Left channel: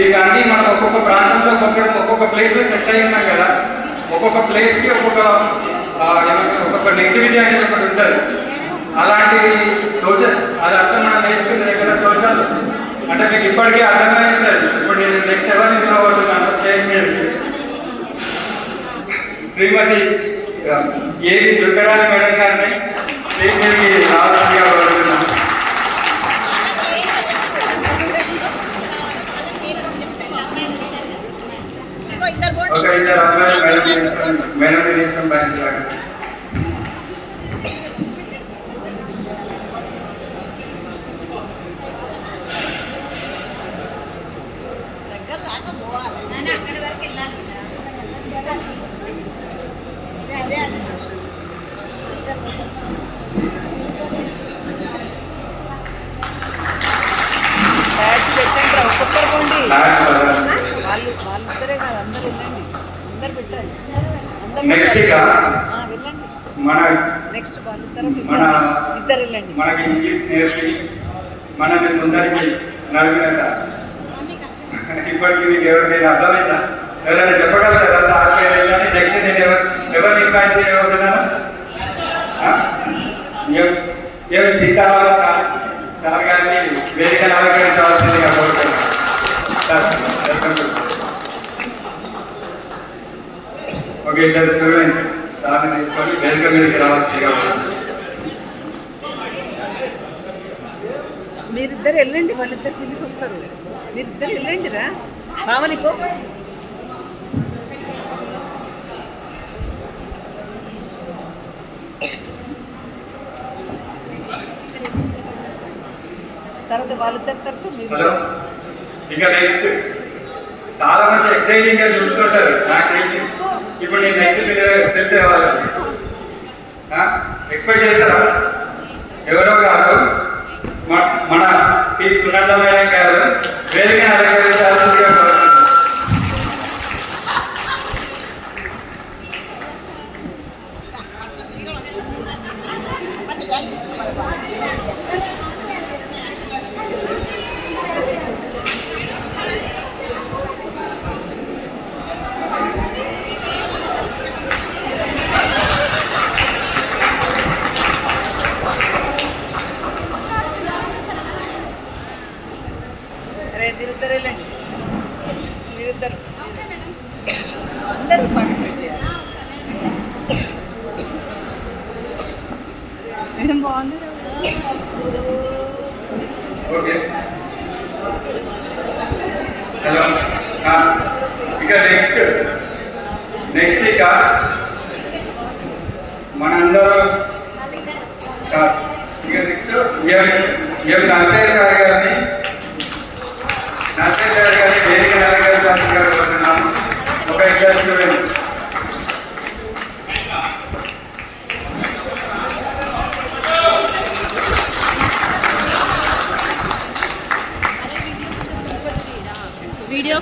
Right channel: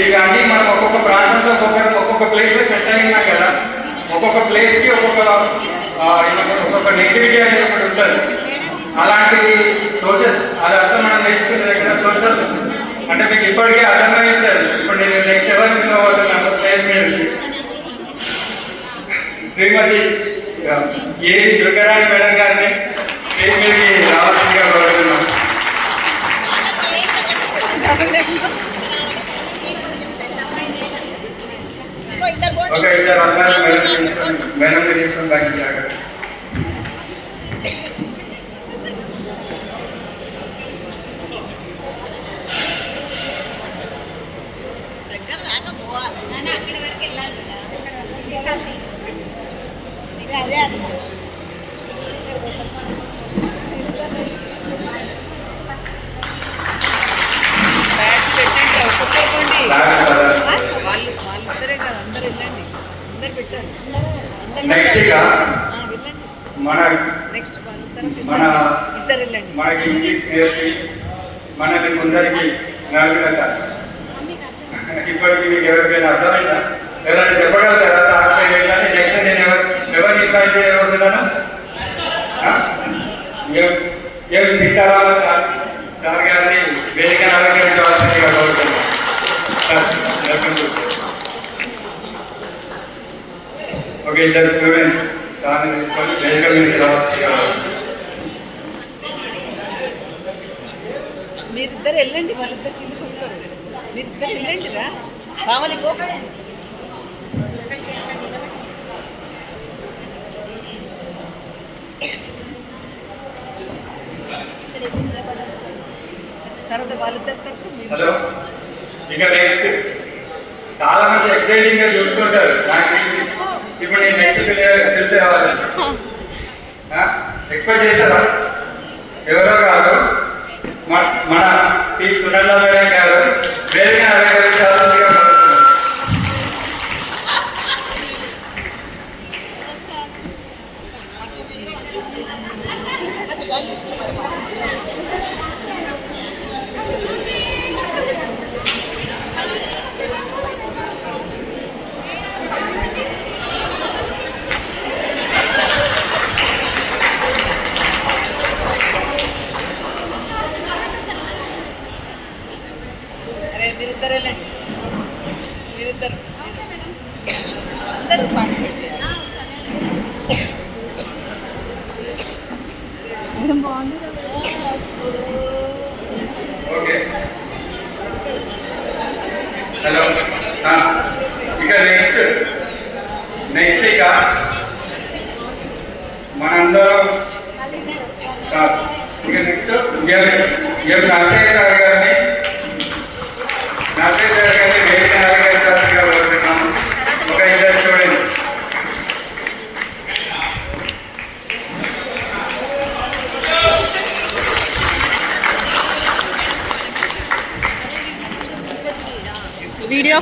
ఇవన్నీ మనం ఒక్కొక్క ప్రాంతంలో ఒక్కొక్క ప్లేస్లో సెట్ అయి ఉన్నాం కదా. ఒక్కొక్క ప్లేస్కి ఒక్కొక్క నెగిటివిటీ అనేది ఒకటి ఉంటుంది. అలాంటి సోషల్ అది అర్థం మనం నేర్చుకునేది ఎక్కడ సోషల్ అంటే మీకు ఇప్పటికీ అర్థమై ఉంటుంది. ఇప్పుడు నేను నెక్స్ట్ ఎవరు నిలబడుతున్నాను స్టేజ్ మీదకి శ్రీమతి ఏవి దుర్గారాణి మేడం గారిని స్టేజ్ మీదకి రావాల్సిందిగా కోరుతున్నాను. ఒక ఇద్దరు అమ్మాయిలు మేడం తీసుకొని బయటికి రాగలరు. అక్కడి వరకు వెళ్ళాలి. వాళ్ళిద్దరే కాదు, అందరు వెళ్ళండి. అందరు పెట్టారు. నెక్స్ట్ మన నెక్స్ట్ మన ఇద్దరు వెళ్ళండి. మనకి ఇంగ్లీష్ నేర్పి మనల్ని ముందరికి నడిపిన సార్ ఇప్పటికి మీకు ఎవరికైనా అర్థమైందా? ఎవరైనా చెప్పగలుగుతారా సార్ పేరు వెళ్ళాలి? నెక్స్ట్ నేను ఎవరిని ఇన్వైట్ చేయబోతున్నాను? ఏమి సీతారామ సార్ గారిని వేదిక అలంకరించవలసిందిగా కోరుతున్నాను. ఓకే, ఇద్దరు స్టూడెంట్స్ సార్ని తీసుకొని వేదిక మీదకి రావాల్సిందిగా. మీరిద్దరు వెళ్ళండి, వాళ్ళిద్దరు కిందకి వస్తారు. మీరిద్దరు వెళ్ళండి రా కావాలిపో. తర్వాత వాళ్ళిద్దరు తర్వాత హలో. ఇక నెక్స్ట్ చాలా మంది ఎక్సైటింగ్ గా చూస్తుంటారు నాకు తెలిసి. ఇప్పుడు నేను నెక్స్ట్ తెలిసే కావాలి ఎక్స్పెక్ట్ చేస్తారా? ఎవరో కాదు మన ఈ సునంద మేడం గారు వేదిక అలంకరించాల్సిందిగా కోరుతున్నాను. మీరిద్దరు వెళ్ళండి. మీరిద్దరు అందరూ మేడం బాగుంది. Okay, hello. ఇక నెక్స్ట్ ఇక మనందరం సార్ ఇక నెక్స్ట్ మేము నర్సయ్య సార్ గారిని